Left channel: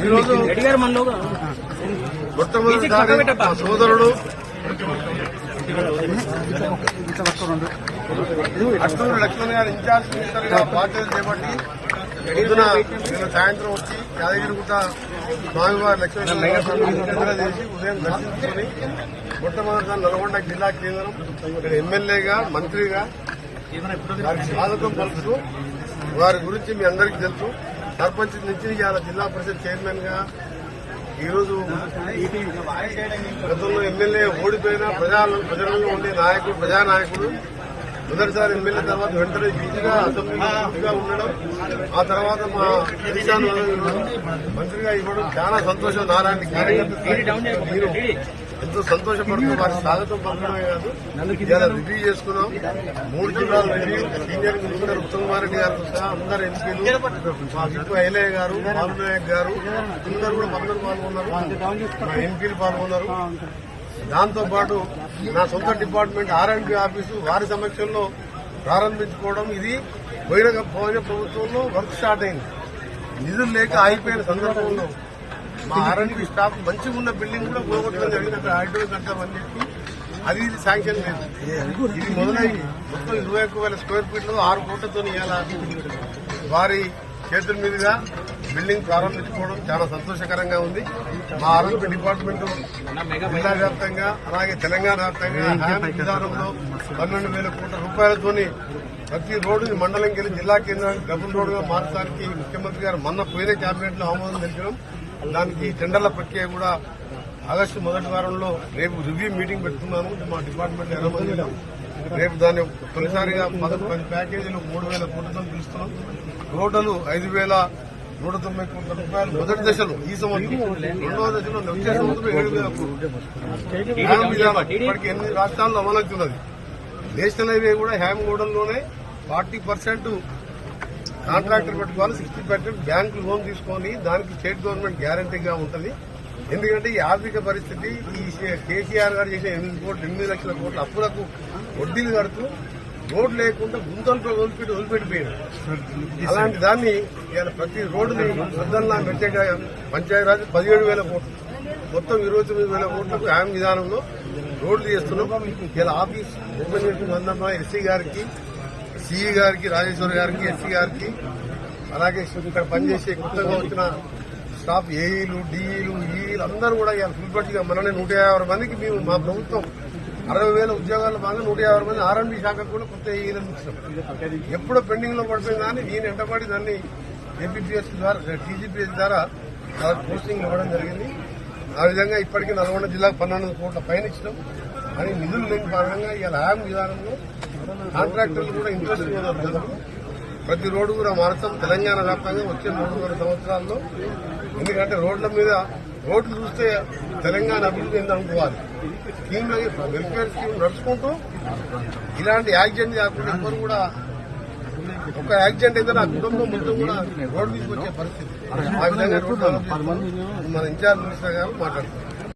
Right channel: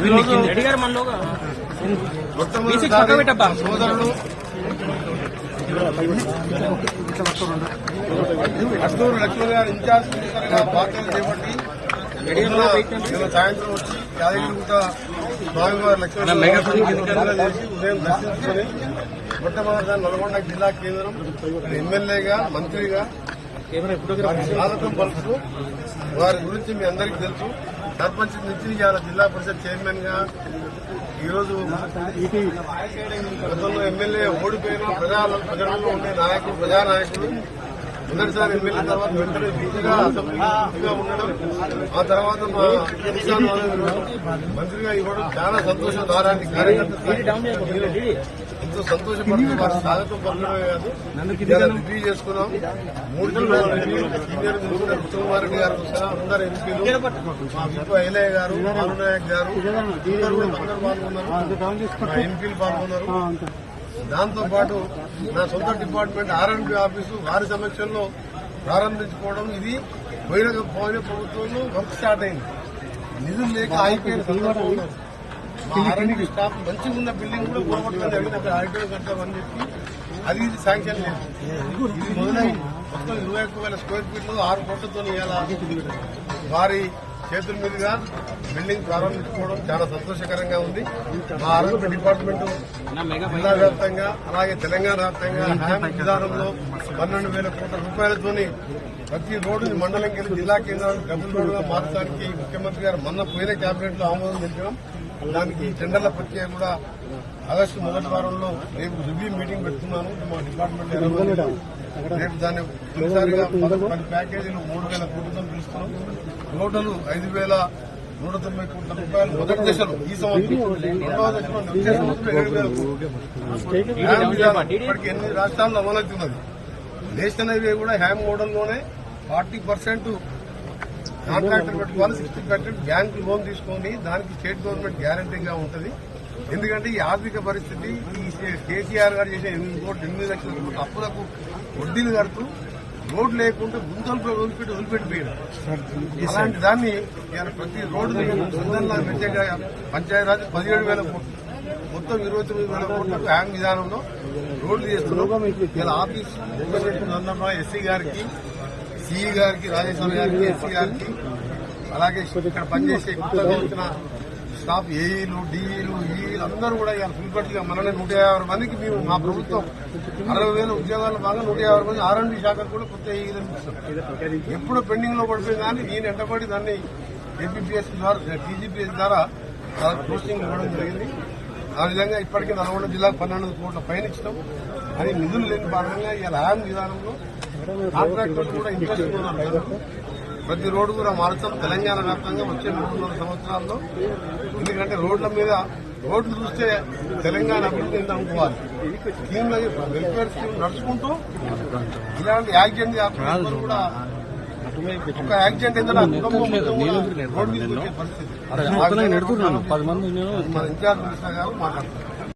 ఈరోజు మొట్టమొదటిసారి మా సోదరుడు అట్టూరు లక్ష్మణ్ గారు ఇన్ఛార్జ్ మినిస్టర్గా బాధ్యతలు చేపట్టి పొద్దున నిన్న సాయంత్రం వచ్చి యాదగిరిగుట్ట స్వామివారి లక్ష్మణ పూజ చేసి ఉదయం దర్శించుకుని మొట్టమొదటిసారి నల్గొండ జిల్లా కేంద్రం ఇక్కడ ఎమ్మెల్యేగా మంత్రిగా వారికి స్వాగతం పలుకుతూ వారి గురించి మీ అందరికీ తెలుసు. సర్పంచ్ నుంచి ఇవాళ జిల్లా పరిషత్ చైర్మన్గా ఈరోజు గతంలో ఎమ్మెల్యే ఓడిపోయిన ప్రజా ప్రజలలో ఉండే నాయకుడు ప్రజానాయకుడు మొదటిసారి ఎమ్మెల్యే తర్వాత వెంటనే యూత్గా అసెంబ్లీలో యూత్గా ఉండడం ఆ తర్వాత మా దిశాను మంత్రిగా ఇవ్వడం చాలా సంతోషం. నారాంటి కార్యకర్త నేను ఎంతో సంతోషపడుతూ వారి స్వాగతం పలకడమే కాదు ఇలా రివ్యూ చేసుకున్నాం. మూడు జిల్లాల review senior minister Uttam Kumar Reddy garu సహా అందరు ఎంపీలు మా విప్పు ఐలయ్య గారు బాలునాయక్ గారు అందరూ కూడా అందరూ పాల్గొన్నారు. మా ఎంపీలు పాల్గొన్నారు. దాంతో పాటు నా సొంత డిపార్ట్మెంట్ ఆర్ఎండ్బి ఆఫీసు వారి సమక్షంలో ప్రారంభించుకోవడం ఇది పోయిన పోయిన ప్రభుత్వంలో వర్క్ స్టార్ట్ అయింది. నిధులు లేక ఆగిపోయిన సందర్భంలో మా ఆర్ఎండ్బి స్టాఫ్ మంచిగా ఉన్న బిల్డింగ్ కూడా పోగొట్టడం జరిగింది. అక్కడ ఆడిటోర్ కట్టామని చెప్పి అది ఇది శాంక్షన్ లేదు ఇది మొదలై మొత్తం ఇరవై ఒక్క వేల స్క్వేర్ ఫీట్లు ఆరు కోట్లతో ఇవాళ వారి చేతుల మీదుగా బిల్డింగ్ ప్రారంభించుకోవడం చాలా సంతోషకరంగా ఉంది. మా ఆరోగ్య డిపార్ట్మెంట్ జిల్లా వ్యాప్తంగా అలాగే తెలంగాణ వ్యాప్తంగా హ్యామ్ విధానంలో పన్నెండు వేల కోట్ల రూపాయలతోని ప్రతి రోడ్డుని మండలంకి వెళ్ళి జిల్లా కేంద్రానికి డబుల్ రోడ్డుగా మార్చడానికి ముఖ్యమంత్రి గారు మొన్న పోయిన కేబినెట్లో ఆమోదం తెలిపినాం. దానికి టెండర్ల ప్రక్రియ కూడా ఆగస్టు మొదటి వారంలో రేపు రివ్యూ మీటింగ్ పెట్టుకున్నాను. మా డిపార్ట్మెంట్ ఎనభై రేపు దాన్ని తొలిసారిగా పది ప్యాకేజీలు మూడు వేల కోట్లతో పిలుస్తున్నాం. టోటల్ ఐదు వేల నూట తొంభై కోట్ల రూపాయలు. మొదటి దశలో ఈ సంవత్సరం రెండవ దశలో వచ్చే సంవత్సరం ఏడు వేల కోట్లు. హ్యామ్ విధానం ఇప్పటికి ఎనిమిది రాష్ట్రాల్లో అమలవుతున్నది. నేషనల్ హైవే కూడా హ్యామ్ ఓడల్లోనే ఫార్టీ పర్సెంట్ కాంట్రాక్టర్ పెట్టుకోవాలి సిక్స్టీ పర్సెంట్ బ్యాంకు లోన్ తీసుకొని దానికి స్టేట్ గవర్నమెంట్ గ్యారంటీగా ఉంటుంది. ఎందుకంటే ఈ ఆర్థిక పరిస్థితి ఈ కేసీఆర్ గారు చేసిన ఎనిమిది కోట్లు ఎనిమిది లక్షల కోట్ల అప్పులకు వడ్డీలు కడుతూ రోడ్ లేకుండా గుంతలతో వదిలిపెట్టి వదిలిపెట్టిపోయారు. అలాంటి దాన్ని ఇవాళ ప్రతి రోడ్డుని వరదల్లా మెచ్చగా పంచాయతీరాజ్ పదిహేడు వేల కోట్లు మొత్తం ఇరవై తొమ్మిది వేల కోట్లకు హ్యామ్ విధానంలో రోడ్లు చేస్తున్నాం. ఇలా ఆఫీస్ ఓపెన్ సందర్భంగా ఎస్సీ గారికి. సిఈ గారికి రాజేశ్వర గారికి ఎస్సీ గారికి అలాగే ఇక్కడ పనిచేసే కొత్తగా వచ్చిన స్టాఫ్ ఏఈలు డిఈలు ఈఈలు అందరూ కూడా ఇవాళ ఫుల్పట్టిగా మననే నూట యాభై మందికి మేము మా ప్రభుత్వం అరవై వేల ఉద్యోగాలు బాగా నూట యాభై మంది ఆర్ఎండ్బి శాఖకు కూడా కొత్త ఏఈలను ఇచ్చాం ఎప్పుడో పెండింగ్లో పడిపోయింది కానీ నేను ఎంటబడి దాన్ని ఏపీపీఎస్ ద్వారా టీజీపీఎస్ ద్వారా వాళ్ళకి పోస్టింగ్ ఇవ్వడం జరిగింది. ఆ విధంగా ఇప్పటికీ నల్గొండ జిల్లాకు పన్నెండు కోట్ల పైన ఇచ్చినాం. అని నిధులు లేని భాగంగా ఇవాళ ఆయాం విధానంలో కాంట్రాక్టర్లు కూడా ఇంట్రెస్ట్ ఉన్నారు జనులు ప్రతి రోడ్డు కూడా మారుతాం. తెలంగాణ వ్యాప్తంగా వచ్చే మూడున్నర సంవత్సరాల్లో. ఎందుకంటే రోడ్ల మీద రోడ్లు చూస్తే తెలంగాణ అభివృద్ధి ఎంత అనుకోవాలి. స్కీమ్ వెల్ఫేర్ స్కీమ్ నడుచుకుంటూ ఇలాంటి యాక్సిడెంట్ కాకుండా కూడా ఒక యాక్సిడెంట్ అయితే నా కుటుంబం మొత్తం కూడా రోడ్డు పరిస్థితి. రోడ్డు డెవలప్ చేస్తున్నాం. మన ఇన్ఛార్జ్ మినిస్టర్ గారు మాట్లాడుతున్నారు.